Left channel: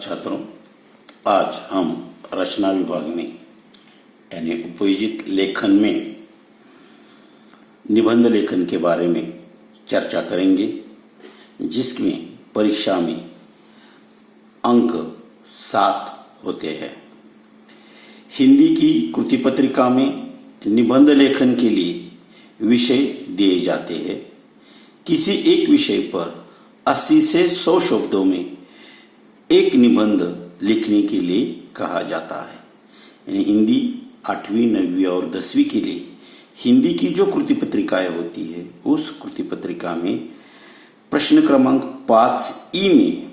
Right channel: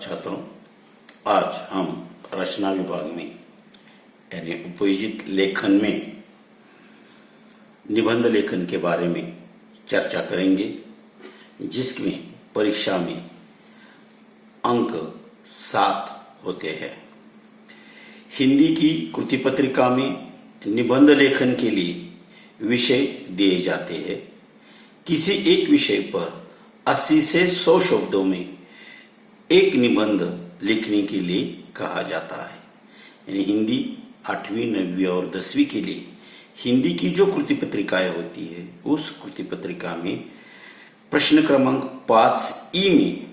छात्रों, आज हम रचना विभाग में यानी उपयोजित लेखन में निबंध लेखन के बारे में चर्चा करेंगे, जिसमें परीक्षा में अंक 7 होते हैं। हिंदी की कृति पत्रिका में निबंध लेखन के लिए विषय दिए जाते हैं। किसी एक विषय पर 80 से 100 शब्दों में एक निबंध लिखने के लिए कहा जाता है। यानी हिंदी 8वीं, 9वीं और 10वीं के लिए हिंदी की जो कृति पत्रिकाएं होती है, उस कृति पत्रिका में प्रश्न क्रमांक 5E में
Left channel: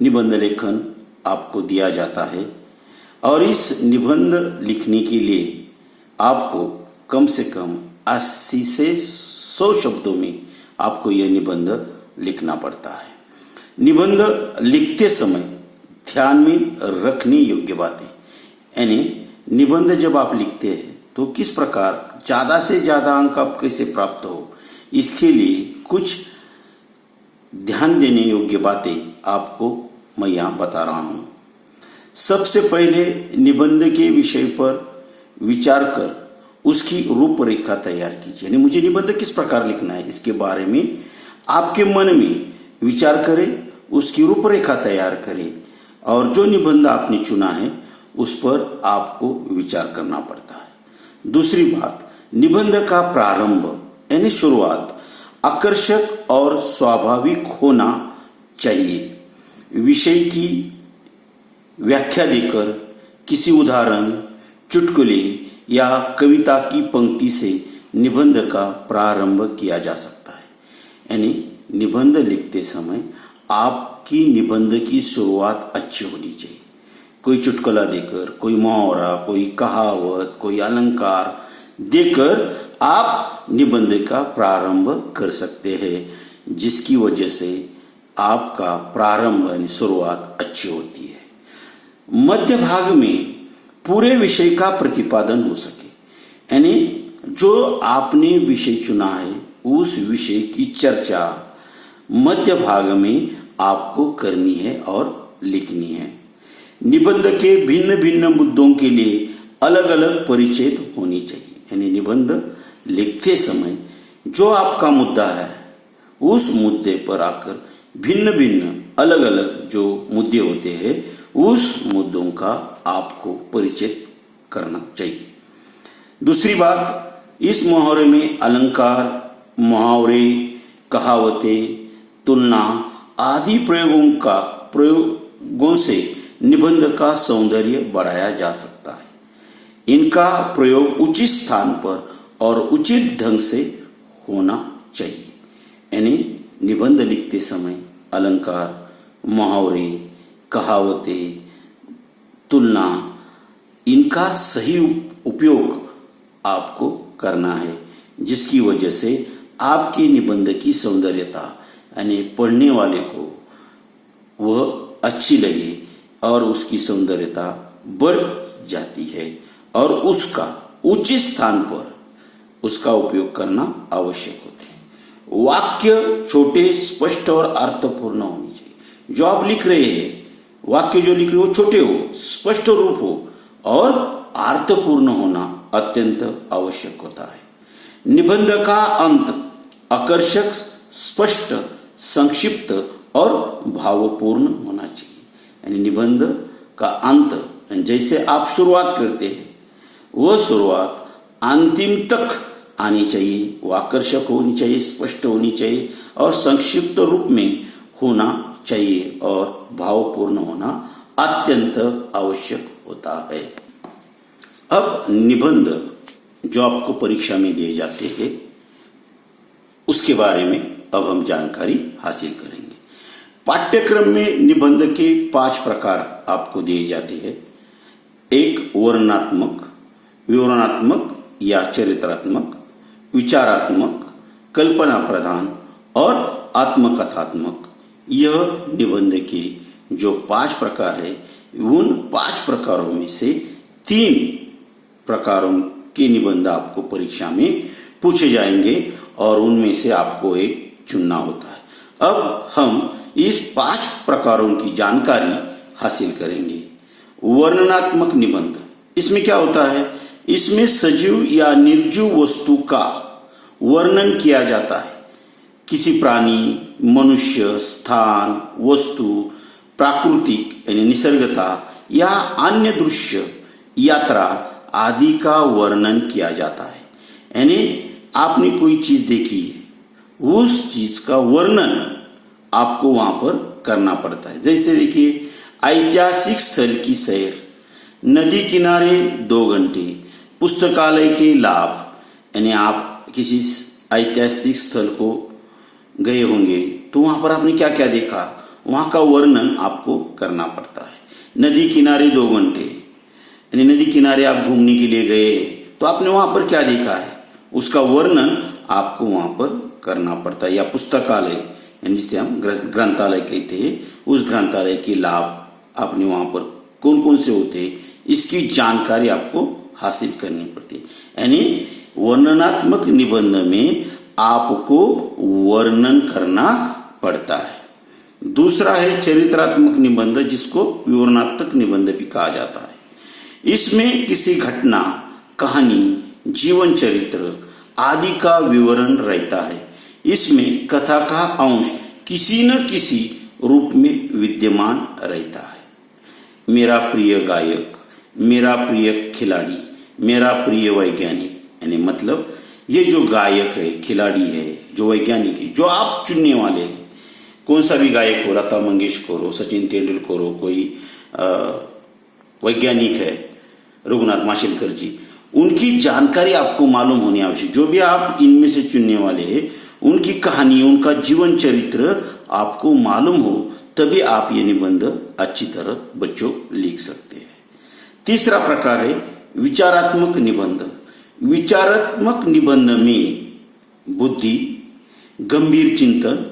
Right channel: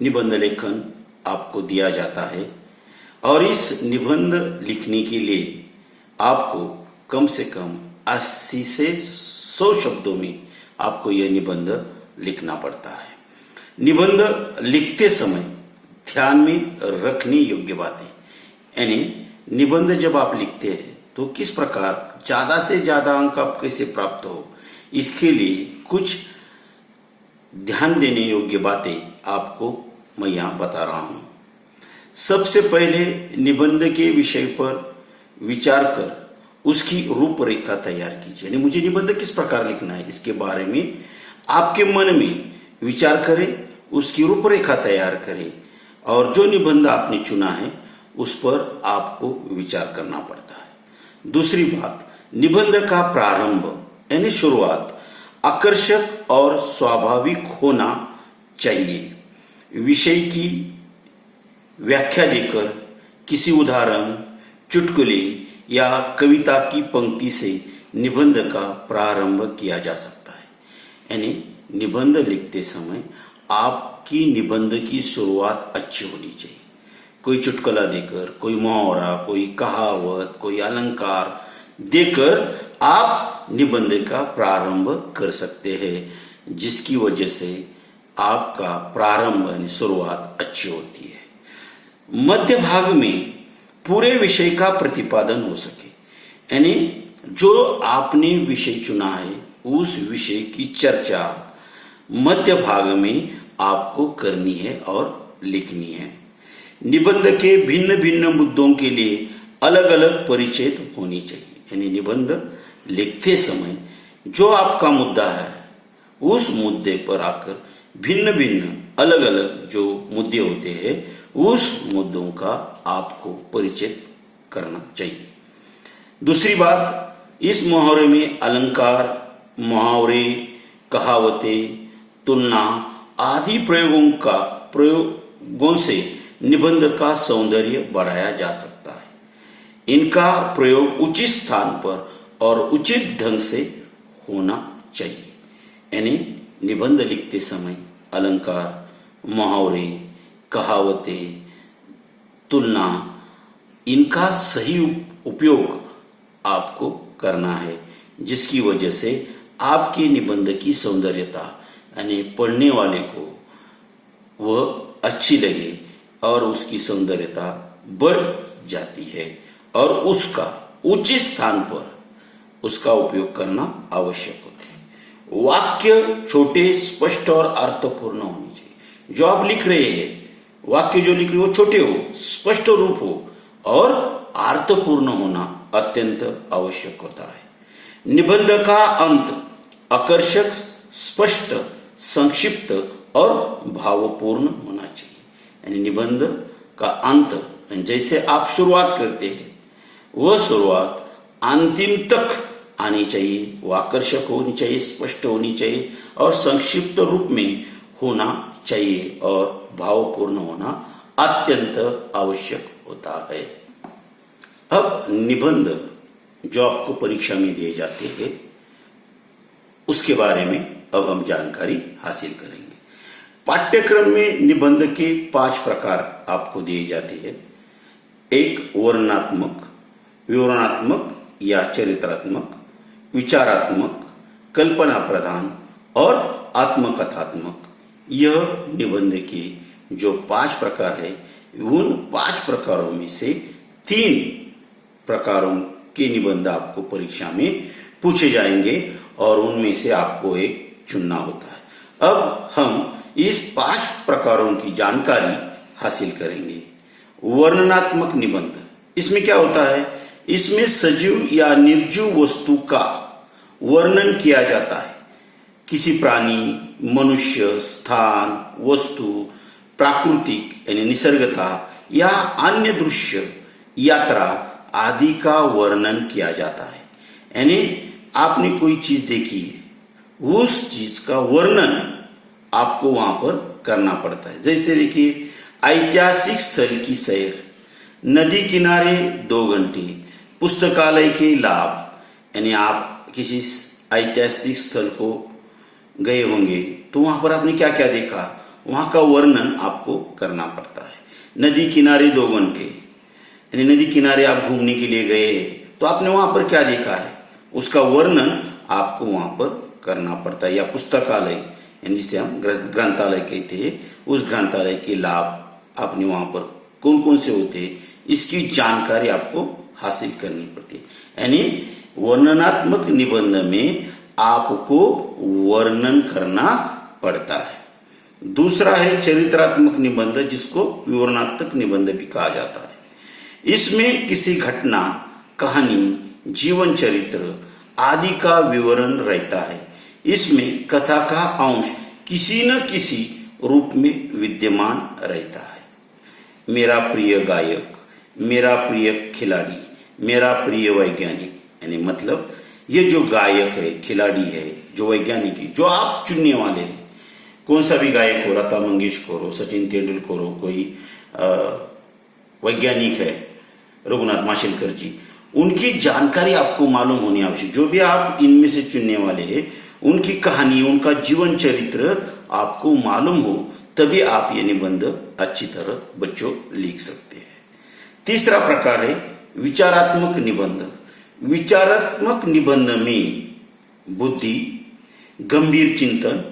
निबंध लेखन आपको दिया जाता है और इस निबंध लिखने के लिए आपको कम से कम 80 से 100 शब्दों में आपको यह निबंध लिखना पड़ता है। निबंध लिखते समय ध्यान में रखने योग्य बातें, यानी निबंध जब आप लिखते हैं तो किस प्रकार ज्यादा से ज्यादा अंक आप कैसे प्राप्त हो, इसके लिए कुछ ध्यान देने योग्य बातें आपको मैं यहां बता रहा हूं। सबसे पहले निबंध के विषय पर विचार कर उसकी रूपरेखा तैयार कीजिए। यानी मुझे निबंध किस प्रकार लिखना है, इसके बारे में आपके मन में विचार करें, उसकी रूपरेखा तैयार करें और जो निबंध आपने चुना है उस पर आपको विचार करना पड़ता है। दूसरी बात, निबंध का प्रारंभ यानी शुरुआत आकर्षक और स्वाभाविक होना चाहिए। विषय की व्याख्या देकर किसी उदाहरण, चुटकुले या कविता की पंक्ति से निबंध का प्रारंभ किया जा सकता है। यानी निबंध लिखते समय आपकी निबंध की शुरुआत अच्छी होनी चाहिए। कोई चुटकुला देकर, कोई मुहावरा, कोई कहावत, कोई अलंकार देकर आप निबंध का प्रारंभ कर सकते हैं, जिसकी वजह से आपका प्रारंभ यानी शुरुआत अच्छी होती है। मध्य भाग में पूरे विषय का प्रतिपादन हो सके, यानी जो आपने विषय चुना है उस विषय की चर्चा मध्य भाग में आपको करनी है और लिखनी है। निबंध के भिन्न भिन्न मुद्दों के लिए अलग अलग परिचय होनी चाहिए। यानी निबंध लिखते समय जो आपका मुद्दा है उस मुद्दे पर आकर भिन्न भिन्न अलग अलग जो मुद्दे होते हैं उस मुद्दों का आपको परिचय करना चाहिए। दूसरी बात, इस मुहावरे में अलंकार, मुहावरे, कहावतें, तुलना आदि प्रयोगों से निबंध का सौंदर्य बढ़ाया जा सकता है। इनका प्रयोग उचित स्थान पर और उचित ढंग से होना चाहिए। यानी निबंध लिखते समय अलंकार, मुहावरे, कहावतें, तुलना, इनका सही उपयोग आपको करना है, जिसकी वजह से आपके निबंध की सौंदर्यता यानी पढ़ने वाले को वह अच्छी लगे और उसकी सौंदर्यता बढ़ जाती है और उसका उचित स्थान पर उसका उपयोग करना आवश्यक होता है। वाक्य छोटे, स्पष्ट और अर्थपूर्ण होने चाहिए। जो आप लिख रहे हैं, वाक्य जो लिख रहे हो वो छोटे हो, स्पष्ट रूप हो और अर्थपूर्ण होना अत्यंत आवश्यक होता है। निबंध का अंत आकर्षक, स्पष्ट, संक्षिप्त और भावपूर्ण होना चाहिए। यानी निबंध का अंत जैसे आप शुरुआत करते हैं वह शुरुआत अंतिम तक आनी चाहिए, वो आकर्षक होनी चाहिए, स्पष्ट होनी चाहिए और संक्षिप्त रूप में होना चाहिए और भावपूर्ण होना अत्यंत आवश्यक होता है। अब निबंध जो आपको परीक्षा में दिए जाते हैं उसके बारे में अब हम जानकारी हासिल करेंगे। पाठ्यक्रम में निबंध के 5 प्रकार आपको दिए जाते हैं। एक वर्णनात्मक, विवरणात्मक या चरित्रात्मक, विचारात्मक, कल्पना प्रधान और आत्मकथात्मक। यह निबंध के जो 5 प्रकार है, उन 5 प्रकारों में से 3 प्रकारों के निबंध आपको परीक्षा में पूछे जाएंगे और उनमें से आपको एक चुनना होता है। अब हम इस 5 प्रकारों की जानकारी हासिल करेंगे। वर्णनात्मक निबंध, इसमें क्या होता है, इसमें सजीव या निर्जीव वस्तु का वर्णन किया जाता है। किसी प्राणी, मनुष्य, स्थान, वस्तु, प्राकृतिक यानी निसर्गता या अन्य दृश्य, यात्रा आदि का वर्णन किया जाता है। यानी आपने कोई चीज देखी है, उस चीज का वर्णन आपको वहां पर करना पड़ता है। जैसे देखिए, ऐतिहासिक स्थल की सैर, नदी किनारे 2 घंटे, पुस्तकालय के लाभ। यानी आप किसी ऐतिहासिक स्थल को गए होंगे तो वहां पर आपने क्या क्या देखा, वहां का वर्णन आपको करना पड़ता है। नदी किनारे 2 घंटे, यानी नदी किनारे आप घूमने के लिए गए तो आपने वहां पर क्या देखा है, उसका वर्णन आपको वहां पर करना पड़ता है। या पुस्तकालय, यानी जिसे हम ग्रंथालय कहते हैं, उस ग्रंथालय के लाभ आपने वहां पर कौन कौन से होते हैं, इसकी जानकारी आपको हासिल करनी पड़ती है। यानी वर्णनात्मक निबंध में आपको वर्णन करना पड़ता है। दूसरा है चरित्रात्मक निबंध, जिसको विवरणात्मक निबंध भी कहा जाता है। इसमें किसी घटना, कहानी, जीवन चरित्र आदि का विवरण रहता है। इसमें कथा का अंश किसी न किसी रूप में विद्यमान रहता है। मेरा प्रिय गायक, मेरा प्रिय खिलाड़ी, मेरा प्रिय वैज्ञानिक, यानी मतलब ये जो गायक है, खिलाड़ी है, जो वैज्ञानिक है, जो आप चुनने वाले हैं, कौन सा भी गायक हो, लता मंगेशकर हो, सचिन तेंदुलकर हो, कोई वैज्ञानिक है, रघुनाथ माशेलकर जी, उनकी जानकारी आपको मालूम होनी आवश्यक। जो भी आप इनमें से चुनने वाले हैं, उनकी कहानी, उनका जीवन चरित्र आपको मालूम हो, तभी आप ये निबंध अच्छी तरह बच्चों लिख सकते हैं। तीसरा प्रकार है विचारात्मक निबंध। विचारात्मक निबंध में बुद्धि, गंभीर चिंतन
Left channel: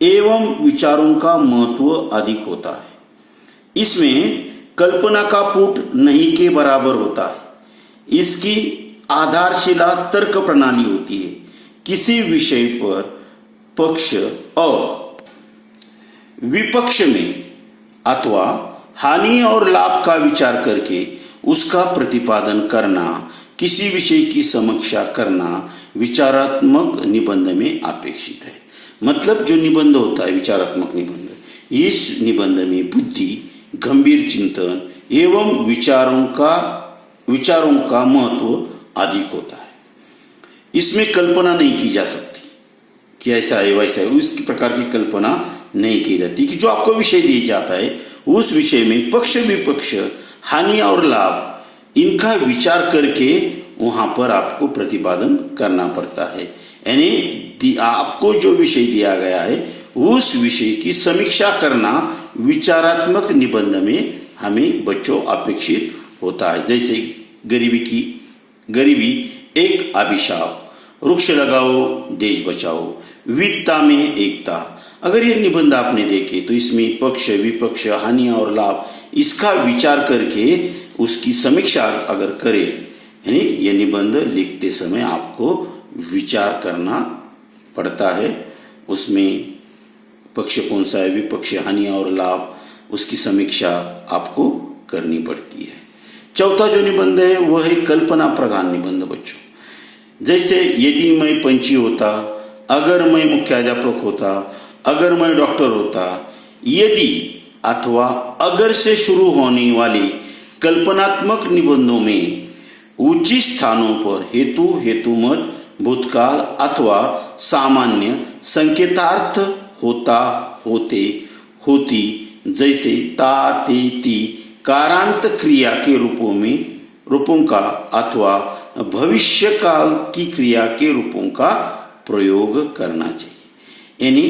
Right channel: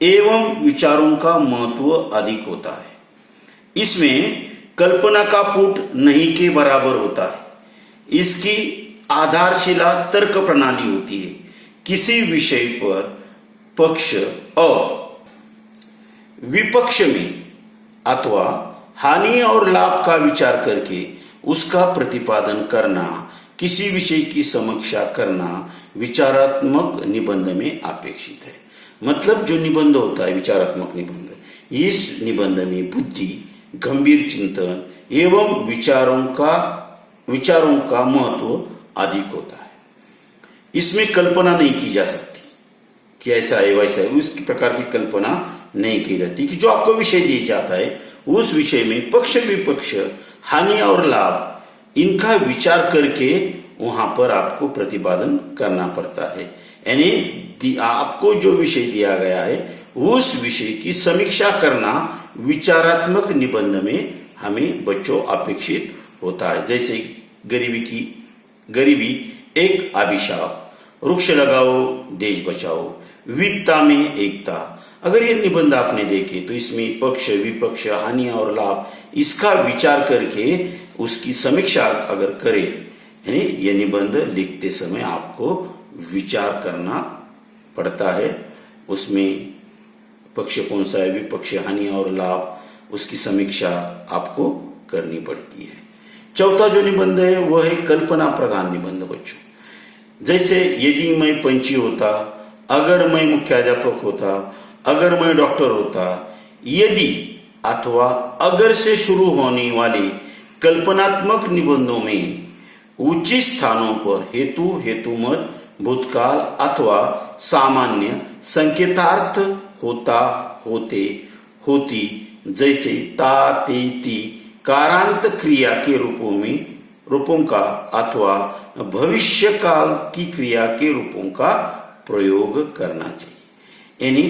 एवं विचारों का महत्व अधिक होता है। इसमें कल्पना का पुट नहीं के बराबर होता है। इसकी आधारशिला तर्क प्रणाली होती है। किसी विषय पर पक्ष और विपक्ष में अथवा हानि और लाभ का विचार करके उसका प्रतिपादन करना, किसी विषय की समीक्षा करना विचारात्मक निबंध में अपेक्षित है। मतलब जो निबंध होता है विचारात्मक निबंध, इस निबंध में बुद्धि, गंभीर चिंतन एवं विचारों का महत्व अधिक होता है। इसमें कल्पना नहीं की जा सकती कि ऐसा है वैसा है, उस प्रकार की कल्पना नहीं की जाती। कि जो आपको विषय दिया जाता है, उस विषय में पक्ष विपक्ष, हानि और लाभ, इनका विचार करके वहां पर आपको प्रतिपादन करना पड़ता है। यानी आपको जो विषय दिया गया है, उस विषय की समीक्षा करना विचारात्मक निबंध में हमें बच्चों अपेक्षित होता है। जैसे गरीबी एक अभिशाप, वृक्ष लगाओ देश बचाओ, विविधता में एकता। अगर ये निबंध आपने देखे तो इसमें पक्ष विपक्ष, हानि और लाभ, इसका विचार करके उसकी समीक्षा अगर करें, यानी ये निबंध लिखते समय आपको विचार करना पड़ता है। उसमें पक्ष कौन सा है, विपक्ष, हानि और लाभ, उसकी समीक्षा आपको करनी पड़ती है। चौथा जो निबंध है वह है कल्पना प्रधान निबंध बच्चों। जैसे यदि मैं पंछी होता, अगर मैं मुख्याध्यापक होता, अगर मैं डॉक्टर होता, यदि अथवा अगर से शुरू होने वाले कल्पनात्मक निबंधों में उचित स्थानों पर हेतु, हेतुमत, भूतकाल अथवा सामान्य संकेतार्थ होता, होते, होती, जैसे ता, ते, ती कारांत क्रिया के रूपों का अथवा भविष्य काल की क्रिया के रूपों का प्रयोग करना चाहिए। यानी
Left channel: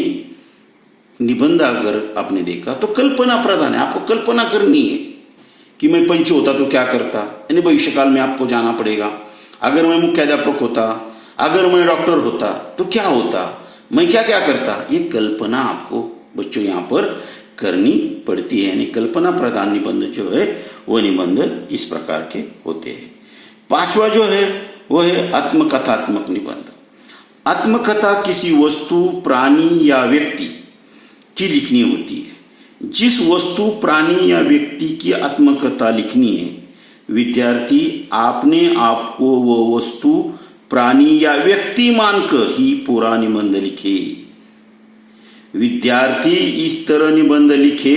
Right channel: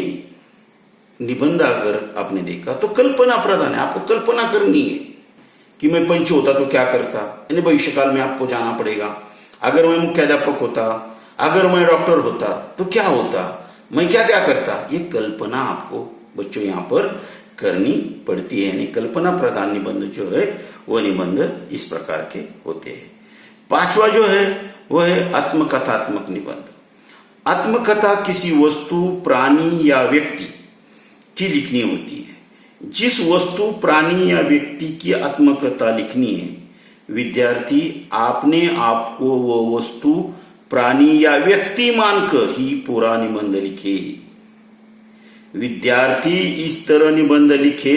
निबंध अगर आपने देखा तो कल्पना प्रधान है, आपको कल्पना करनी है कि मैं पंछी होता तो क्या करता, यानी भविष्य काल में आपको जाना पड़ेगा। अगर मैं मुख्याध्यापक होता, अगर मैं डॉक्टर होता तो क्या होता, मैं क्या क्या करता, ये कल्पना आपको बच्चों यहाँ पर करनी पड़ती है। यानी कल्पना प्रधान निबंध जो है वो निबंध इस प्रकार के होते हैं। पांचवा जो है वो है आत्मकथात्मक निबंध। आत्मकथा किसी वस्तु, प्राणी या व्यक्ति की लिखनी होती है। जिस वस्तु, प्राणी या व्यक्ति की आत्मकथा लिखनी है, विद्यार्थी अपने आप को वो वस्तु, प्राणी या व्यक्ति मानकर ही पूरा निबंध लिखे। विद्यार्थी इस तरह निबंध लिखे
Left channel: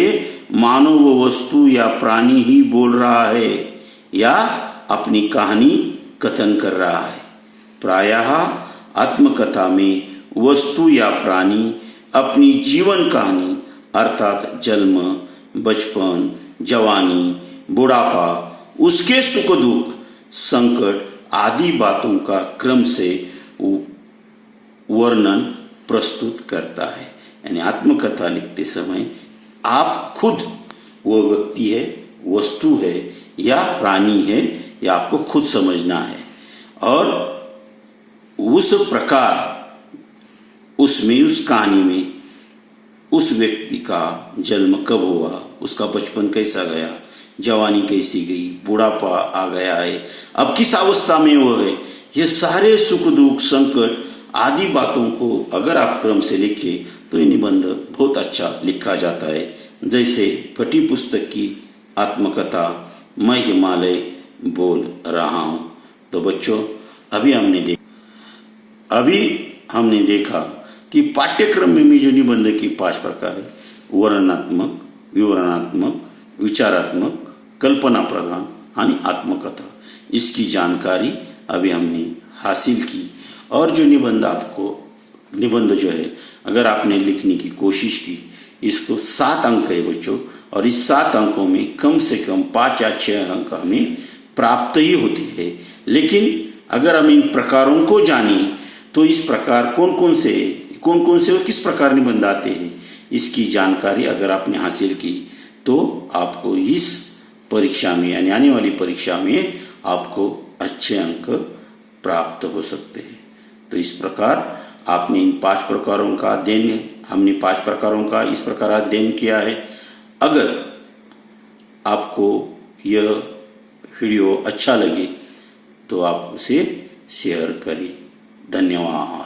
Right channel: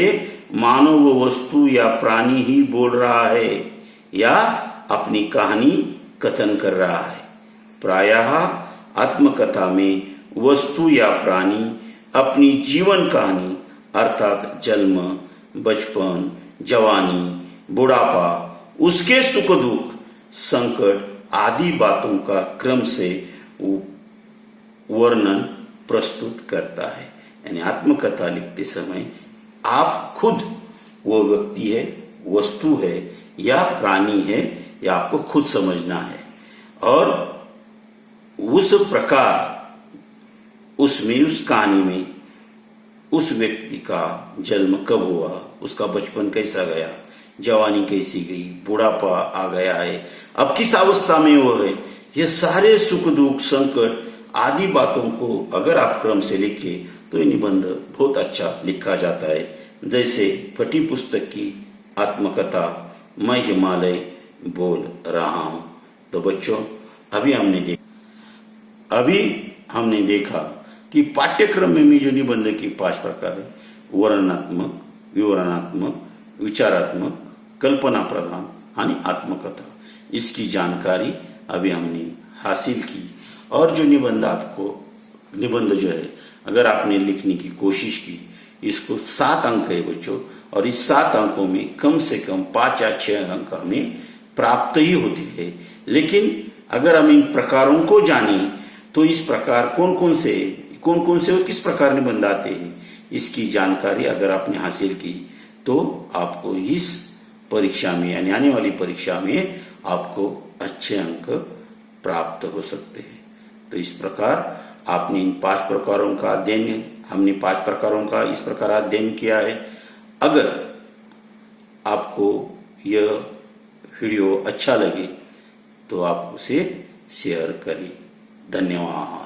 मानो वो वस्तु या प्राणी ही बोल रहा है या अपनी कहानी कथन कर रहा है। प्रायः आत्मकथा में वस्तु या प्राणी अपनी जीवन कहानी अर्थात जन्म, बचपन, जवानी, बुढ़ापा, उसके सुख दुख, संकट आदि बातों का क्रम से वर्णन प्रस्तुत करता है। यानी आत्मकथा लिखते समय आप खुद वो व्यक्ति है, वस्तु है या प्राणी है, या आपको खुद समझना है और उस प्रकार उसमें, उस कहानी में उस व्यक्ति का जन्म कब हुआ, उसका बचपन कैसा गया, जवानी कैसी गई, बुढ़ापा आ गया है, अब किस अवस्था में वो है, ये सारे सुख दुख, संकट आदि बातों को अगर आप क्रम से लिखे तो ये निबंध बहुत अच्छा लिखा जाता है। जैसे फटी पुस्तक की आत्मकथा मैं हिमालय बोल रहा हूं। तो बच्चों, अभी हमने देखा कि पाठ्यक्रम में भी जो निबंध की 5 प्रकार है, वर्णनात्मक, विवरणात्मक, विचारात्मक, कल्पना प्रधान आणि आत्मकथा, इसकी जानकारी अभी हमने हासिल की। और जो निबंध जो है अगर आपने लिखने की कोशिश की, इसको 7 अंक है बच्चों, और इस 7 अंकों में कम से कम 5 या 6 अंक हमें प्राप्त ही होते हैं। लेकिन अगर हम इन प्रकारों को जाने तो इस प्रकार कौन कौन से और किस प्रकार निबंध आते हैं, इसकी जानकारी अगर आपने हासिल की तो आपको इस परीक्षा में, यानी आने वाली परीक्षा में आपको अच्छे अंक प्राप्त हो सकते हैं। तो इस प्रकार आपने इन 5 प्रकारों का अध्ययन, हमने 5 प्रकारों का इस प्रकार अध्ययन किया है। अगर आपको यह वीडियो अच्छा लगे तो आप उसे शेयर करें। धन्यवाद।